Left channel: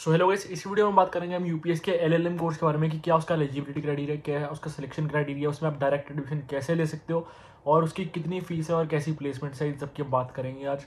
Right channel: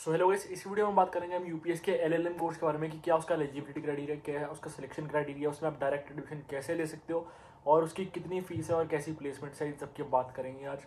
So hello guys, इस video में बात करेंगे हम यूपीएस के एलएलएम कोर्स के बारे में कि क्या उसका एलिजिबिलिटी क्राइटेरिया क्या है, उसका सिलेक्शन क्राइटेरिया, उसमें आप डायरेक्ट एडमिशन कैसे ले सकते हो और उसकी कितनी फीस है और कैसी प्लेसमेंट्स है, इन सब की हम बात करेंगे आज।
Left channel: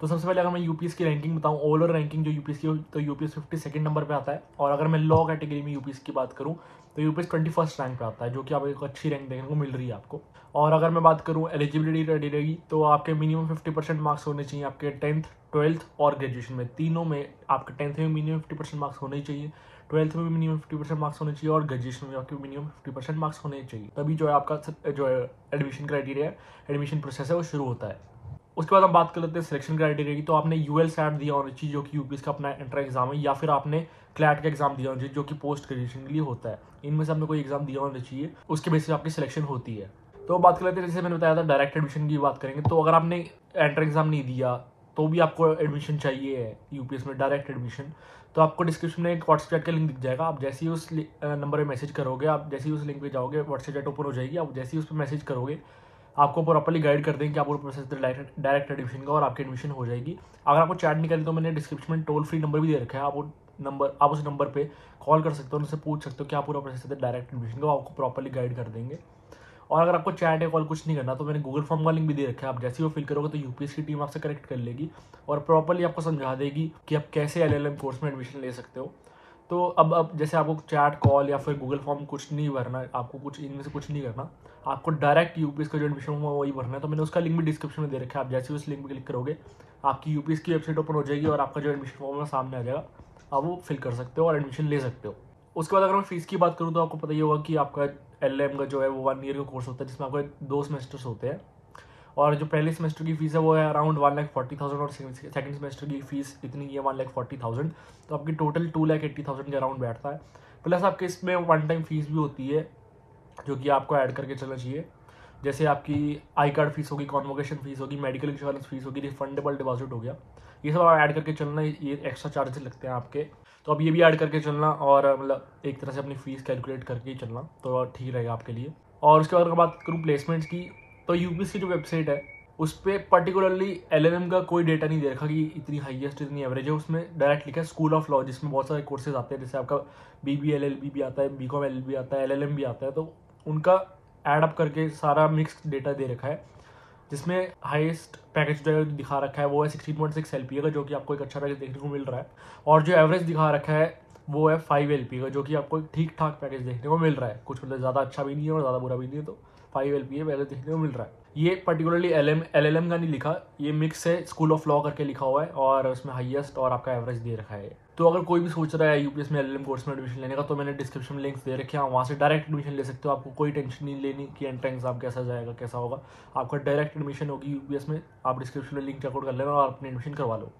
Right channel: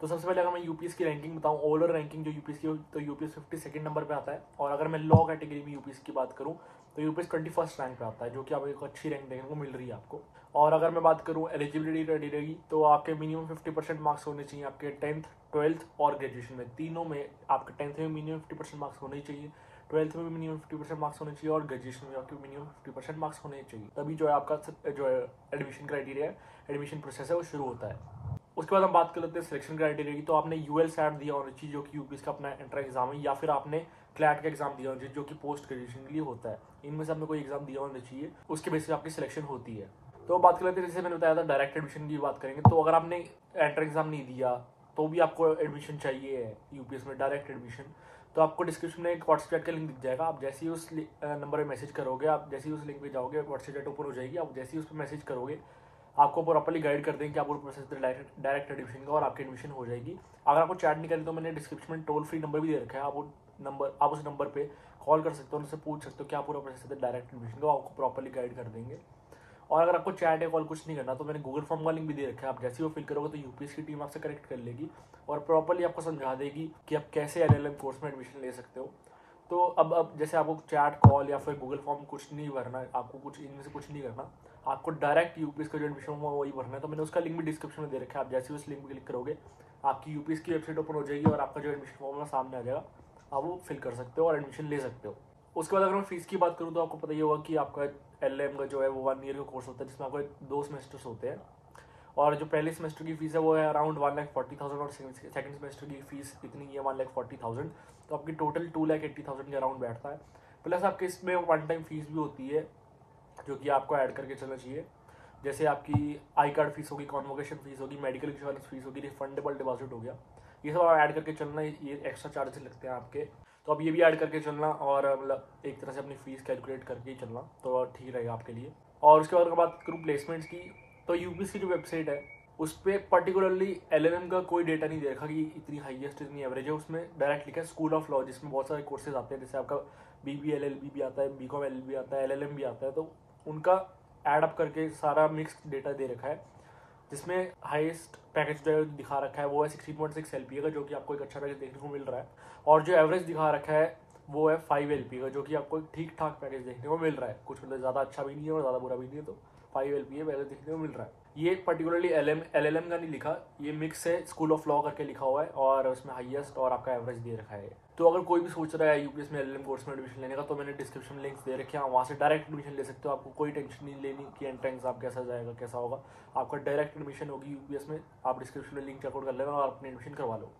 तो सबसे पहले अगर मैं यूपीएस की रैंकिंग बताऊं, ओवरऑल रैंकिंग जो यूपीएस की हो तो यूपीएस 52nd नंबर पे आता है। और अगर मैं लॉ कैटेगरी में यूपीएस की बात करूं तो यूपीएस 21st रैंक पे आता है, जो कि आपको एक अच्छी रैंक देखने को मिल रही है आपको। और अगर मैं बात करूं एलिजिबिलिटी क्राइटेरिया की, तो आपके मिनिमम 50% मार्क्स होने चाहिए आपके 10th 12th और ग्रेजुएशन में, तीनों में। आपके 10th में मिनिमम 50% मार्क्स होने ही चाहिए, 12th में भी मिनिमम 50% मार्क्स होने चाहिए और ग्रेजुएशन में आपके मिनिमम 50% मार्क्स होने चाहिए। तभी जो है आपका जो है एडमिशन क्राइटेरिया, एडमिशन प्रोसेस है, वो शुरू होता है। उसके बाद हम बात कर लेते हैं सिलेक्शन क्राइटेरिया की। तो आपने यूएल सैट दिया होना चाहिए, जो कि यूपीएस का अपना एंट्रेंस एग्जाम है, या फिर आपने क्लैट का एग्जाम दिया होना चाहिए, जो कि पोस्ट ग्रेजुएशन के लिए होता है। इनमें से आपने कोई एग्जाम दिया होना चाहिए, उसके बेसिस पे आपकी सिलेक्शन होती है। तो बात कर लेते हैं, जैसे मैंने बताया था डायरेक्ट एडमिशन की बात करेंगे, तो अगर आपने एंट्रेंस एग्जाम नहीं दिया तो भी आपको एडमिशन चाहिए यूपीएस में, डायरेक्ट एडमिशन। तो आपको डिस्क्रिप्शन में एक व्हाट्सएप चैट का लिंक दिख जाएगा। आप जैसे ही उस नंबर पे मैसेज करोगे, आप जैसे ही उस लिंक पे जाओगे, व्हाट्सएप चैट ओपन हो जाएगी। आप जैसे ही उस पर मैसेज करोगे, आपको प्रॉपर्ली गाइड कर देंगे कि आपको प्रोसेस डायरेक्ट एडमिशन का, और आपकी एडमिशन हो जाएगी। अगर आपको चैट नहीं करें तो मैंने डिस्क्रिप्शन में टोल फ्री नंबर भी दे रखा है। आप उस नंबर पे कॉल कर सकते हो, उनसे पूछ सकते हो क्या पूरा प्रोसेस है डायरेक्ट एडमिशन का, आपको प्रॉपर्ली गाइड कर देंगे। और अगर आपको चैट या कॉल कुछ नहीं करना तो मैंने गूगल फॉर्म का लिंक भी दे रखा है। आप जैसे ही वो फिल करोगे तो यूपीएस की टीम आपसे कनेक्ट कर लेगी और प्रॉपर्ली आपको समझा देगी कि आप कैसे एलएलएम कोर्स में एडमिशन ले सकते हो। तो अब जैसे आपको चैट कॉल या फिर गूगल फॉर्म कुछ नहीं भरना, आपको कुछ इनमें से कुछ नहीं करना, आपको डायरेक्ट यूपीएस का जो एडमिशन हुआ वही भरना है। तो मैंने उसका लिंक भी डिस्क्रिप्शन में दे रखा है। आप जैसे उस लिंक पर क्लिक करोगे, आपकी यूपीएस की वेबसाइट ओपन हो जाएगी और आपका जो एडमिशन फॉर्म है सामने आ जाएगा। आप वो फिल कर सकते हो और एडमिशन ले सकते हो। उसके बाद अगर मैं फीस की बात करूँ तो आपको पता ही होगा कि आपका एलएम का जो है वो 1 ईयर का कोर्स होता है, जिसमें आपको 2 सेमेस्टर्स होते हैं। और जो पहले सेमेस्टर की फीस है वो है अराउंड 1,40,000 और सेकंड सेमेस्टर की फीस इतनी है 1,40,000। तो आपकी टोटल 2,80,000 के अराउंड बैठता है। प्लस आपके इसमें वन टाइम फीस भी होती है, जो कि आपको ऐड करके चलना चाहिए। जैसे आपकी आई कार्ड फीस होगी, कॉन्वोकेशन फीस होगी, मेडिकल इंश्योरेंस फीस होगी, रिफंडेबल डिपॉजिट हो गया, ये सब आप ऐड करके चलना। ये एक्स्ट्रा चार्जेस लगते हैं आपके, तो अब ये भी ऐड करके चलना और मतलब एक तरह से अपनी फीस कैलकुलेट करके ही चलना, तो ठीक रहेगा आपके लिए। और उसके बाद अगर बात करूँ प्लेसमेंट्स की, तो यूपीएस की जो वेबसाइट है उस पर पर्टिकुलरली एलएलएम का कोई डेटा नहीं दे रखा कि इतनी हाईएस्ट इतनी एवरेज है। उसमें डायरेक्ट लिखा है स्कूल ऑफ लॉ, जिसमें बहुत सारे कोर्सेज आते हैं, जैसे आपका बीबीएलएलबी भी आता है, बीकॉम एलएलबी आता है, एलएलएम भी आता है। तो उनका ऐड अप करके सारा मिक्स डेटा दे रखा है, जिसमें हाईएस्ट पैकेज जो दिखा रखा है वो है 16.6 एलपीए का, जो कि आपको एक अच्छा पैकेज देखने को मिल रहा है। और जो एवरेज दिखा रखा है वो है 5 एलपीए का, जो कि आपको ठीक ठाक पैकेज देखने को मिल रहा है। कुछ मतलब ज़्यादा अच्छा भी नहीं है और ज़्यादा बुरा भी नहीं है, तो 5 एलपीए पैकेज देखने को मिल रहा है। ये पर्टिकुलरली एलएलएम का नहीं लिखा, ये मिक्स है, स्कूल ऑफ लॉ करके लिखा हुआ है और उसमें हाईएस्ट और आपका एवरेज दे रखा है। तो अगर कोई भी सोच रहा है यूपीएस में एलएलएम कोर्स में एडमिशन लेने का, तो मैंने डिस्क्रिप्शन में लिंक्स दे रखे हैं, वहाँ से डायरेक्ट एडमिशन ले सकते हो। आपको कोई टेंशन नहीं लेनी कि एंट्रेंस एग्जाम कैसा जाएगा कैसा होगा, आपका डायरेक्ट एडमिशन होगी यूपीएस में। आप डिस्क्रिप्शन में लिंक चेकआउट कर लेना और अपनी एडमिशन करवा लो।